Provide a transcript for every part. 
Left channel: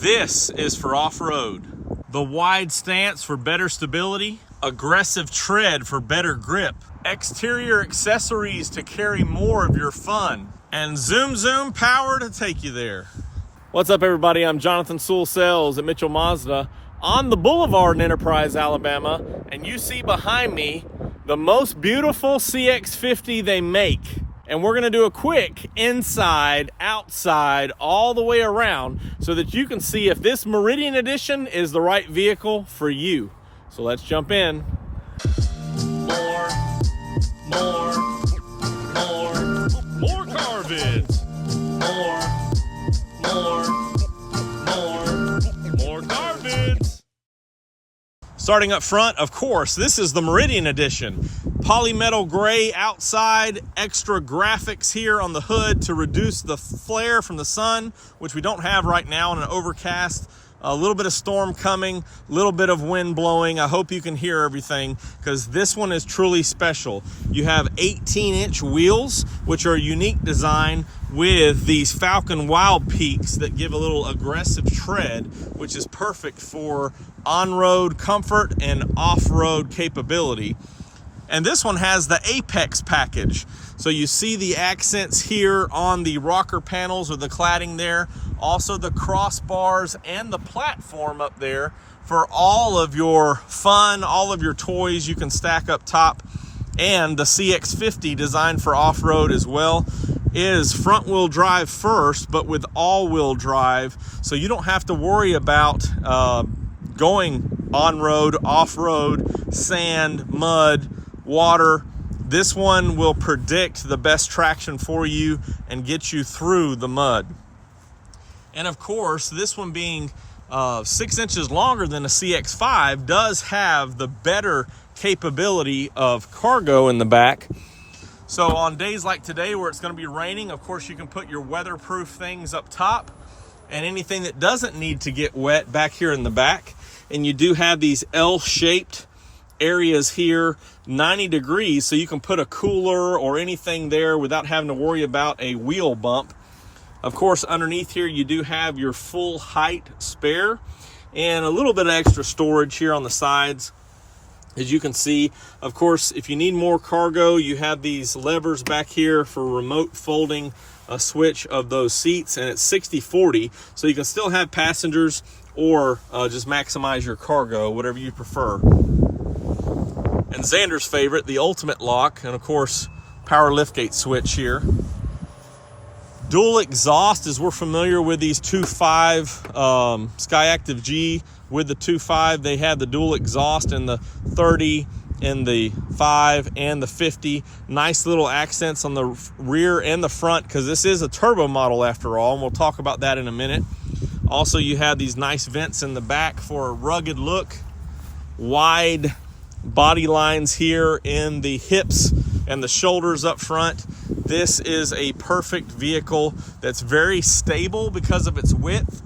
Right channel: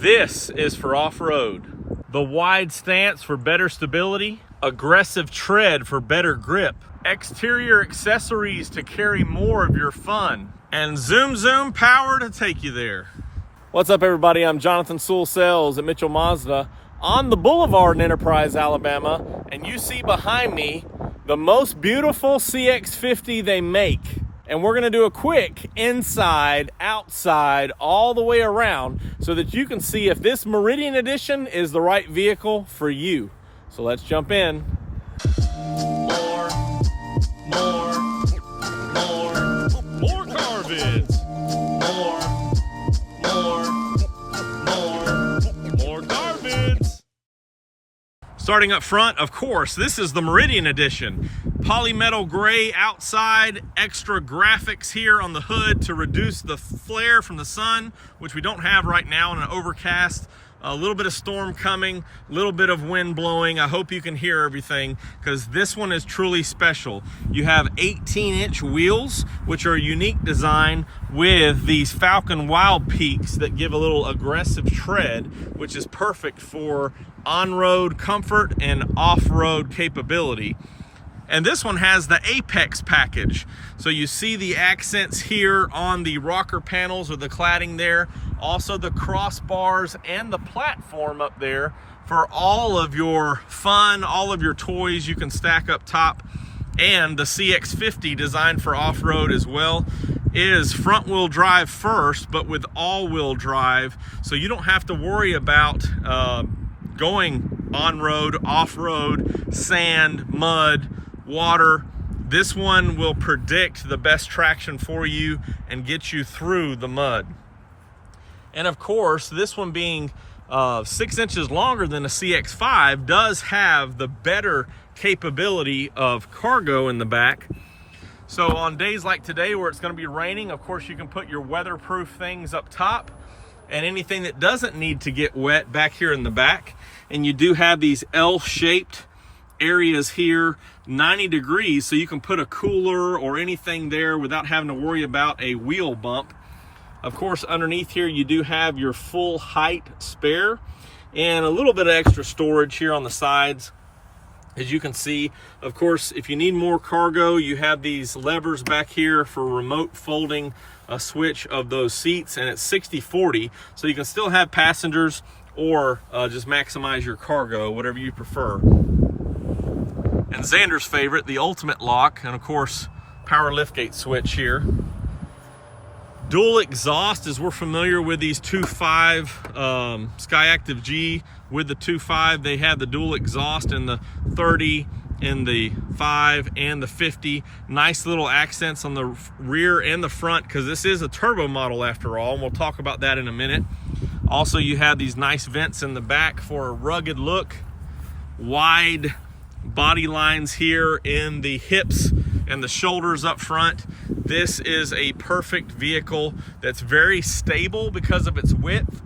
This is for off-road. The wide stance for better stability, aggressive tread for better grip, exterior accessories to carry more of your fun, and zoom power to take you there. What's up, everybody? I'm Jonathan Sewell Sales at Mitchell Mazda on the Boulevard in Enterprise, Alabama, and you see behind me the most beautiful CX-50 they make. And we're gonna do a quick inside, outside, all the way around so that you can see if this Meridian Edition is the right vehicle for you. So let's jump in. More car vids. More car vids. Starting up front, of course, this is the Meridian Edition. Polymetal Gray outside, extra graphics here on the hood to reduce the flare from the sun, which we don't have right now in an overcast. A little bit of storm coming, a little bit of wind blowing. I hope you can hear everything because this one is truly special. You have 18-inch wheels, which are a unique design with these Falcon Wildpeaks that give a little aggressive tread, which is perfect for on-road comfort and off-road capability. And this one has the Apex package. So you see the accents here on the rocker panels or the cladding there. Also the crossbars and the platform up there for all of your fun, all of your toys you can stack up top. And the CX-50 designed for off-road as well is front-wheel drive first, but with all-wheel drive. So you don't have to worry about going on-road, off-road, sand, mud, water. This one will predict the best traction for you and get you through the mud. And of course, this one being 6 inches longer than a CX-5 does have the better capability of cargo in the back. So on days like today where it's going to be raining, of course you can put your weatherproof things up top and anything that doesn't need to get wet back here in the back. And you do have these L-shaped areas here, 90 degrees, so you can put a cooler or anything there without having to worry about a wheel bump. Of course, underneath here you do have your full height spare and a little bit of extra storage here on the sides. As you can see, of course, if you need more cargo, you have these levers back here for remote folding a switch of those seats, and it's 60/40, so you can still have passengers or just maximize your cargo, whatever you prefer. And Xander's favorite, the ultimate lock, and of course, power liftgate switch here. Dual exhaust, as we're familiar with these 2.5 Skyactiv G. With the 2.5, they have the dual exhaust in the 30, in the 5, and the 50. Nice little accents on the rear and the front, because this is a turbo model after all, and we'll talk about that in a minute. Also, you have these nice vents in the back for a rugged look. Wide body lines here in the hips and the shoulders up front. This is a perfect vehicle that's very stable because of its width.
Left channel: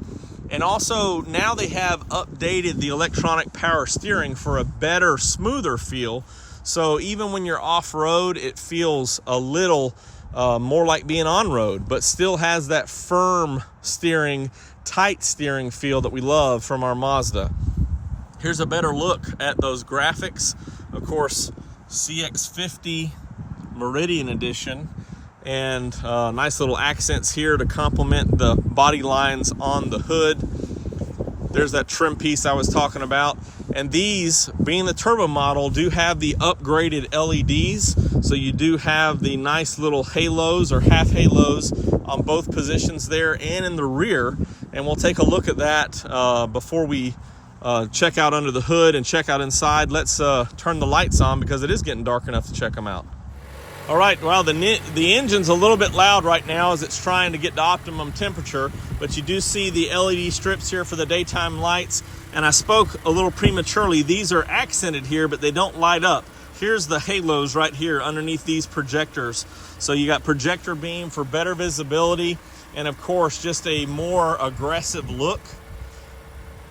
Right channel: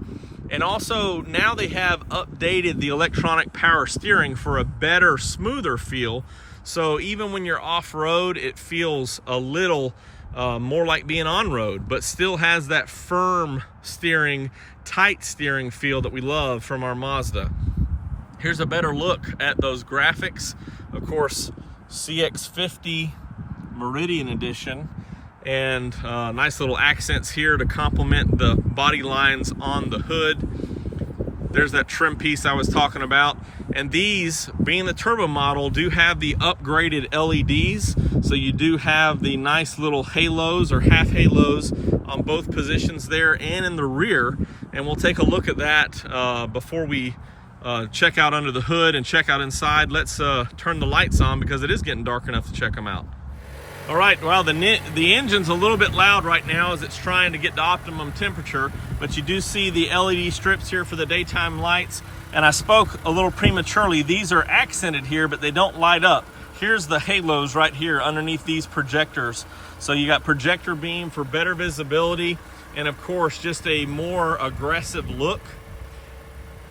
And also now they have updated the electronic power steering for a better, smoother feel. So even when you're off-road, it feels a little more like being on-road, but still has that firm steering, tight steering feel that we love from our Mazda. Here's a better look at those graphics. Of course, CX-50 Meridian Edition, and nice little accents here to complement the body lines on the hood. There's that trim piece I was talking about. And these, being the turbo model, do have the upgraded LEDs. So you do have the nice little halos or half halos on both positions there and in the rear. And we'll take a look at that before we check out under the hood and check out inside. Let's turn the lights on because it is getting dark enough to check them out. All right, well, the engine's a little bit loud right now as it's trying to get to optimum temperature, but you do see the LED strips here for the daytime lights. And I spoke a little prematurely. These are accented here, but they don't light up. Here's the halos right here underneath these projectors. So you got projector beam for better visibility, and of course, just a more aggressive look.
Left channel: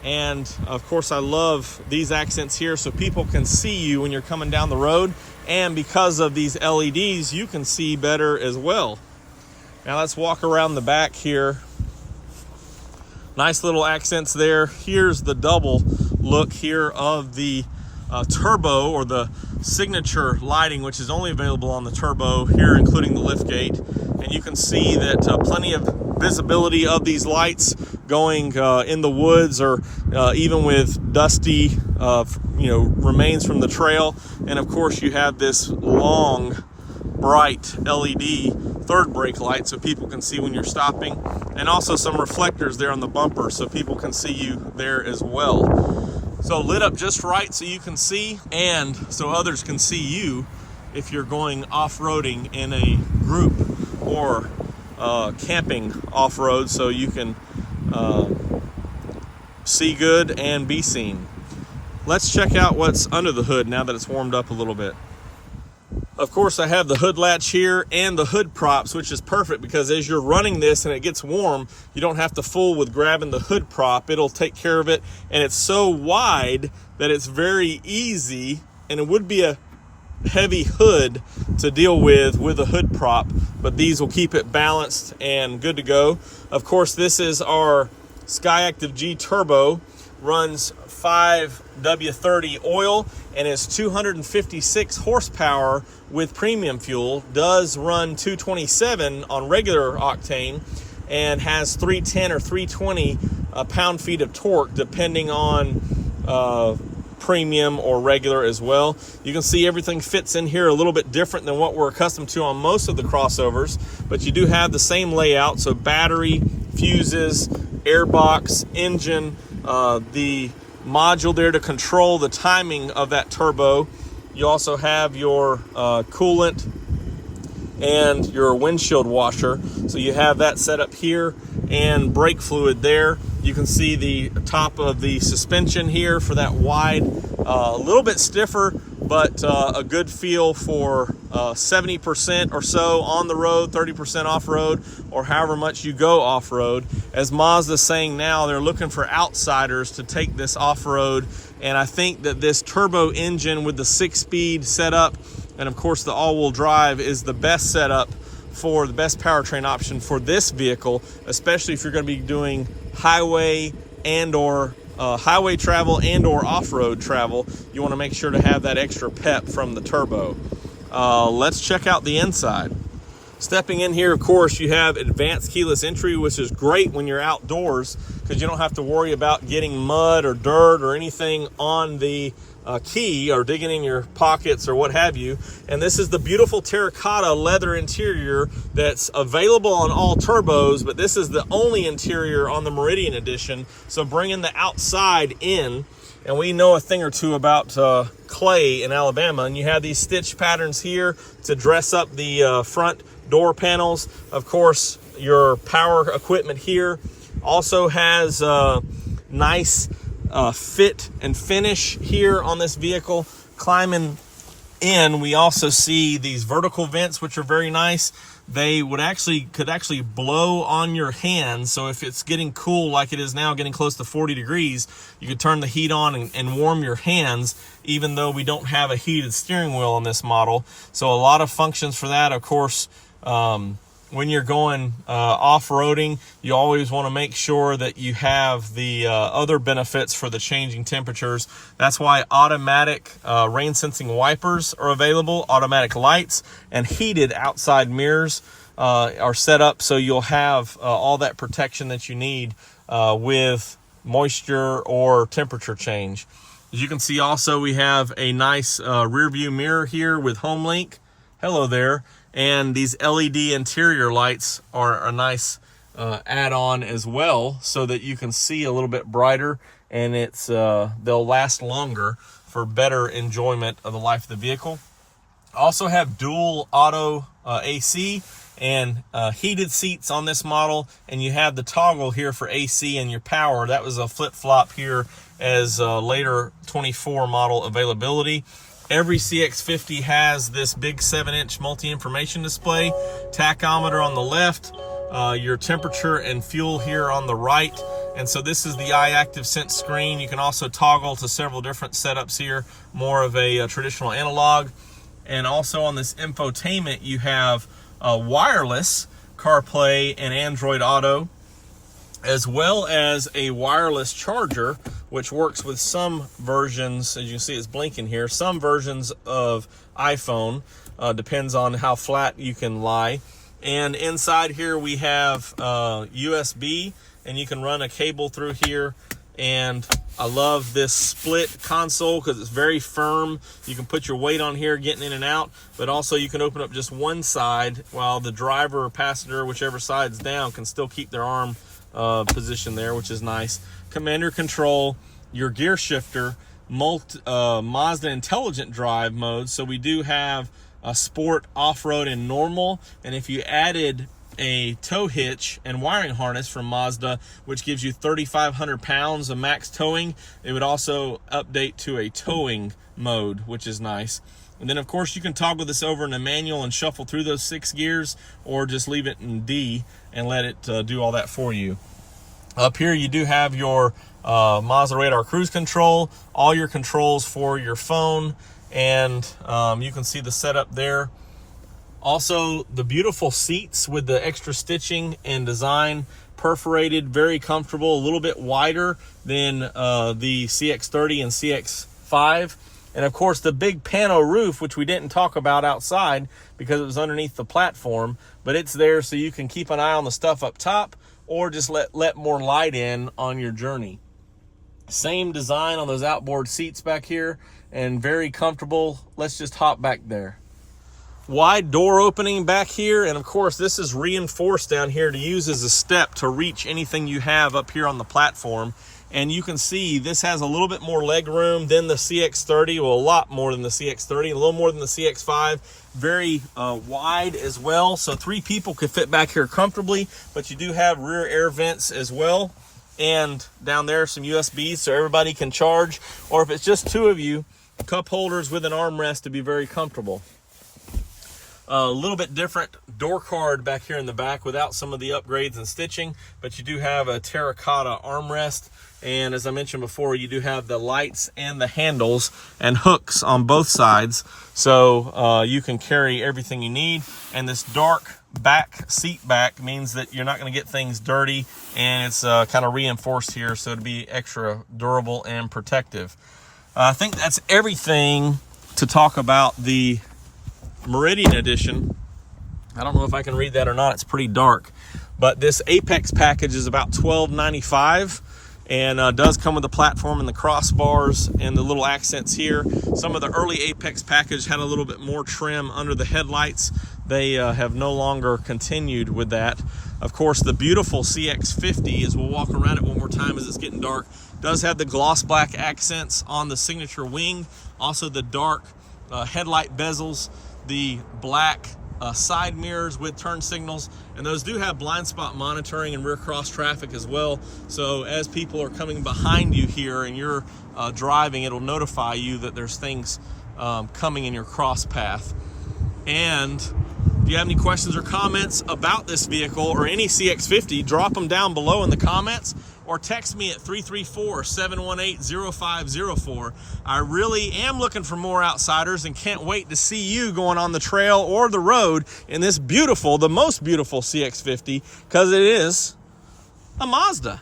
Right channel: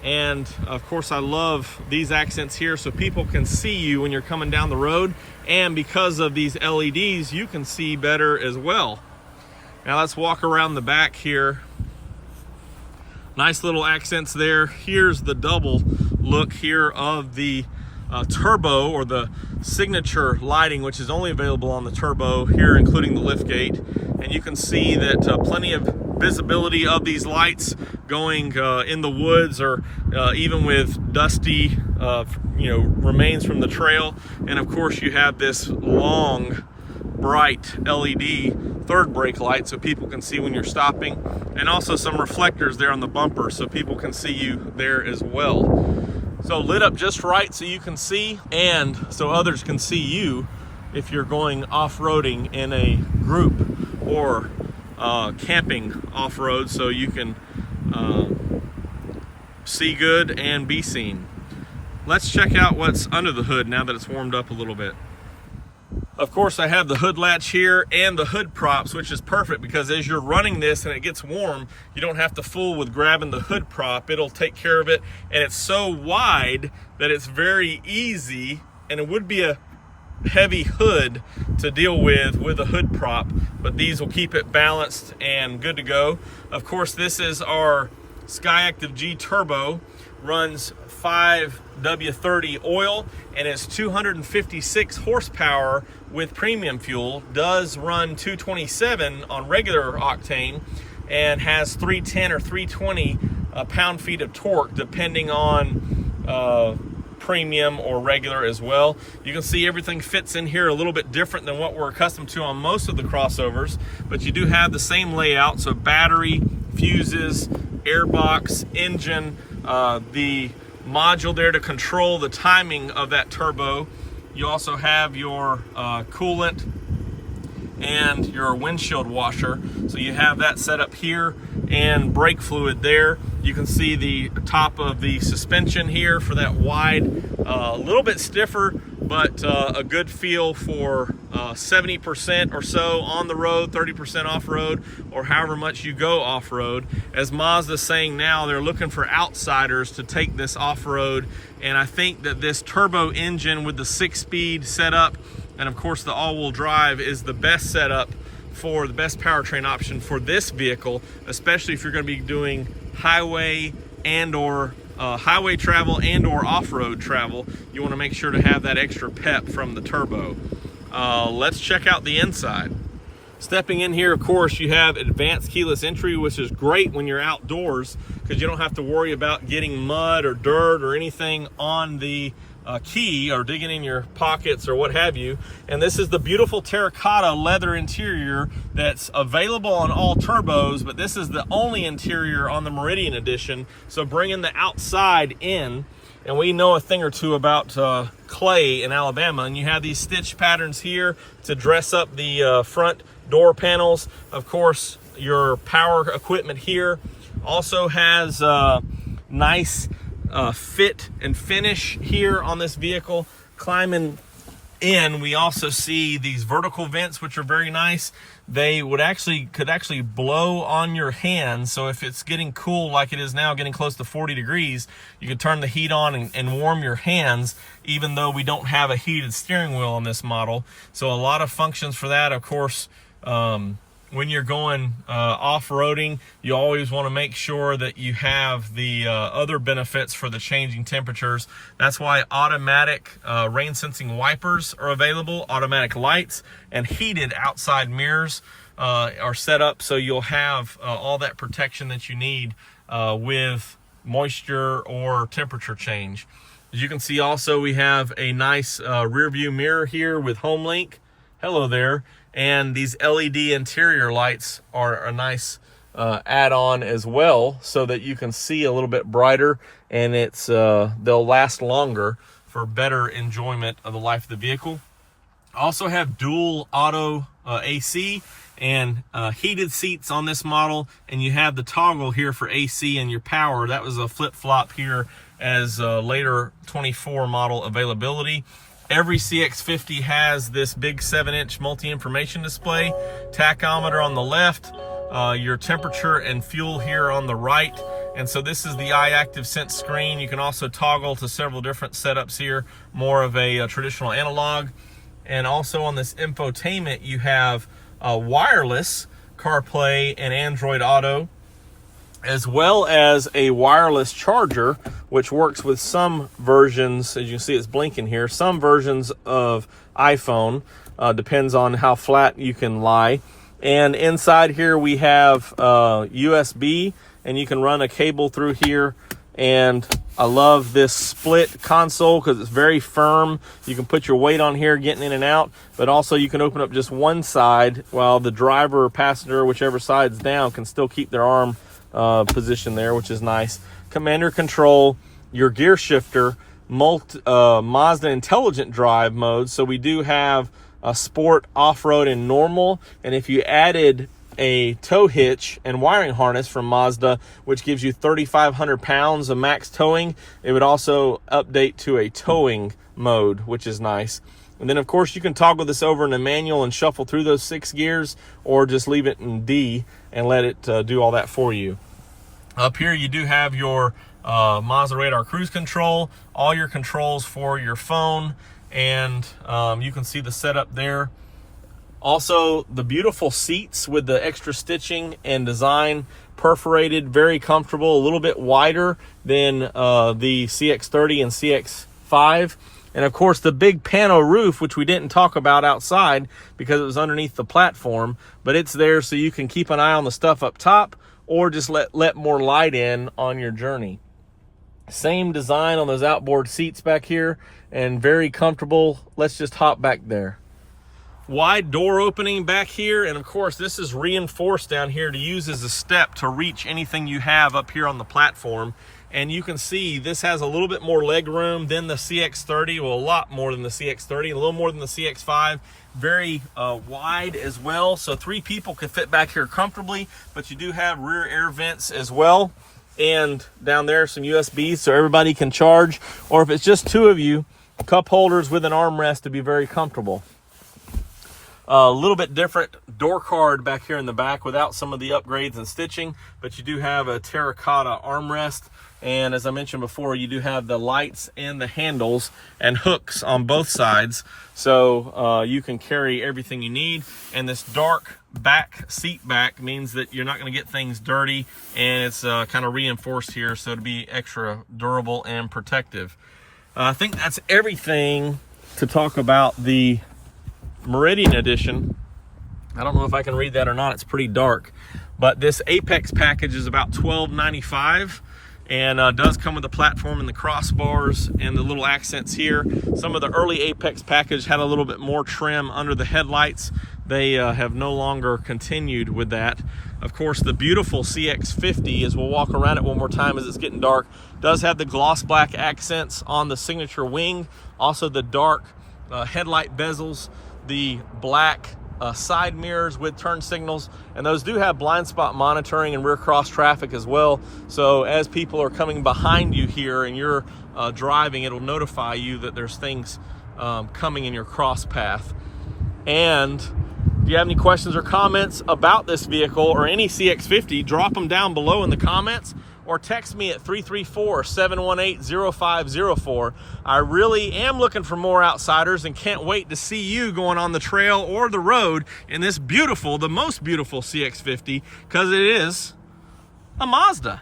And of course, I love these accents here so people can see you when you're coming down the road. And because of these LEDs, you can see better as well. Now let's walk around the back here. Nice little accents there. Here's the double look here of the turbo, or the signature lighting, which is only available on the turbo here, including the lift gate. And you can see that plenty of visibility of these lights going in the woods, or even with dusty remains from the trail. And of course you have this long bright LED third brake light so people can see when you're stopping, and also some reflectors there on the bumper so people can see you there as well. So lit up just right so you can see, and so others can see you if you're going off-roading in a group, or camping off-road, so you can see good and be seen. Let's check out what's under the hood now that it's warmed up a little bit. Of course, I have the hood latch here and the hood props, which is perfect because as you're running this and it gets warm, you don't have to fool with grabbing the hood prop. It'll take care of it, and it's so wide that it's very easy, and it would be a heavy hood to deal with a hood prop, but these will keep it balanced and good to go. Of course, this is our SkyActiv G Turbo, runs 5W30 oil and is 256 horsepower with premium fuel, does run 227 on regular octane, and has 310 or 320 pound-feet of torque depending on premium or regular as well. You can see everything fits in here a little bit different than what we're accustomed to on most of the crossovers, but you do have the same layout, so battery, fuses, airbox, engine, the module there to control the timing of that turbo. You also have your coolant and your windshield washer, so you have that set up here, and brake fluid there. You can see the top of the suspension here for that wide, a little bit stiffer, but a good feel for 70% or so on the road, 30% off-road, or however much you go off-road. As Mazda's saying now, they're looking for outsiders to take this off-road, and I think that this turbo engine with the 6-speed setup, and of course the all-wheel drive, is the best setup for the best powertrain option for this vehicle, especially if you're going to be doing highway travel and or off-road travel. You want to make sure to have that extra pep from the turbo. Let's check out the inside. Stepping in here, of course, you have advanced keyless entry, which is great when you're outdoors because you don't have to worry about getting mud or dirt or anything on the key or digging in your pockets or what have you. And this is the beautiful terracotta leather interior that's available on all turbos, but this is the only interior on the Meridian Edition, so bringing the outside in. And we know a thing or two about clay in Alabama, and you have these stitch patterns here to dress up the front door panels. Of course, your power equipment here also has nice fit and finish here on this vehicle. Climbing in, we also see these vertical vents, which are very nice. They could actually blow on your hands, so if it's getting cool like it is now, getting close to 40 degrees, you could turn the heat on and warm your hands, even though we don't have a heated steering wheel on this model. So a lot of functions for that. Of course, when you're going off-roading, you always want to make sure that you have the other benefits for the changing temperatures. That's why automatic rain-sensing wipers are available, automatic lights, and heated outside mirrors are set up, so you'll have all that protection that you need with moisture or temperature change. As you can see also, we have a nice rear view mirror here with HomeLink. Hello there. And these LED interior lights are a nice add-on as well, so that you can see a little bit brighter, and it's they'll last longer for better enjoyment of the life of the vehicle. Also have dual auto AC and heated seats on this model, and you have the toggle here for AC and your power. That was a flip-flop here as later 24 model availability. Every CX-50 has this big 7-inch multi-information display, tachometer on the left, your temperature and fuel here on the right. And so this is the iActive Sense screen. You can also toggle to several different setups here, more of a traditional analog. And also on this infotainment, you have wireless CarPlay and Android Auto. as well as a wireless charger, which works with some versions. As you can see, it's blinking here. Some versions of iPhone, depends on how flat you can lie. And inside here we have USB, and you can run a cable through here. And I love this split console because it's very firm. You can put your weight on here getting in and out, but also you can open up just one side while the driver or passenger, whichever side's down, can still keep their arm position there, which is nice. Commander control, your gear shifter, Mazda intelligent drive mode. So we do have a sport, off-road, and normal. And if you added a tow hitch and wiring harness from Mazda, which gives you 3,500 pounds of max towing, it would also update to a towing mode, which is nice. And then of course you can toggle this over in the manual and shuffle through those 6 gears, or just leave it in D and let it do all that for you. Up here you do have your Mazda radar cruise control, all your controls for your phone, and you can see the setup there. Also, the beautiful seats with the extra stitching and design, perforated, very comfortable, a little bit wider than the CX-30 and CX-5. And of course, the big pano roof, which we didn't talk about outside because it was underneath the platform, but it's there so you can keep an eye on the stuff up top, or just let more light in on your journey. Same design on those outboard seats back here, and very comfortable. Let's just hop back there. Wide door opening back here, and of course this is reinforced down here to use as a step to reach anything you have up here on the platform. And you can see this has a little bit more leg room than the CX-30, well, a lot more than the CX-30, a little more than the CX-5. Very wide as well, so 3 people can fit back here comfortably, but you do have rear air vents as well. And down there some USB so everybody can charge, or if it's just 2 of you, cup holders with an armrest to be very comfortable. A little bit different door card back here in the back without some of the upgrades and stitching, but you do have a terracotta armrest. And as I mentioned before, you do have the lights and the handles and hooks on both sides, so you can carry everything you need. And this dark back seat back means that you're not going to get things dirty, and it's kind of reinforced here so to be extra durable and protective. I think that's everything to talk about the Meridian Edition. I don't know if I can read that or not, it's pretty dark, but this Apex package is about $12.95, and does come with the platform and the crossbars and the little accents here. Some of the early Apex package had a little bit more trim under the headlights. They have no longer continued with that. Of course, the beautiful CX-50, as we'll walk around it one more time as it's getting dark, does have the gloss black accents on the signature wing, also the dark headlight bezels, the black side mirrors with turn signals, and those do have blind spot monitoring and rear cross traffic as well. So as people are coming behind you here and you're driving, it'll notify you that there's things coming in your cross path. And if you have any questions or comments about this vehicle or any CX-50, drop them down below in the comments, or text me at 334-718-0504. I really am looking for more outsiders and can't wait to see you going on the trail or the road in this beautiful, the most beautiful CX-50, because it is a Mazda.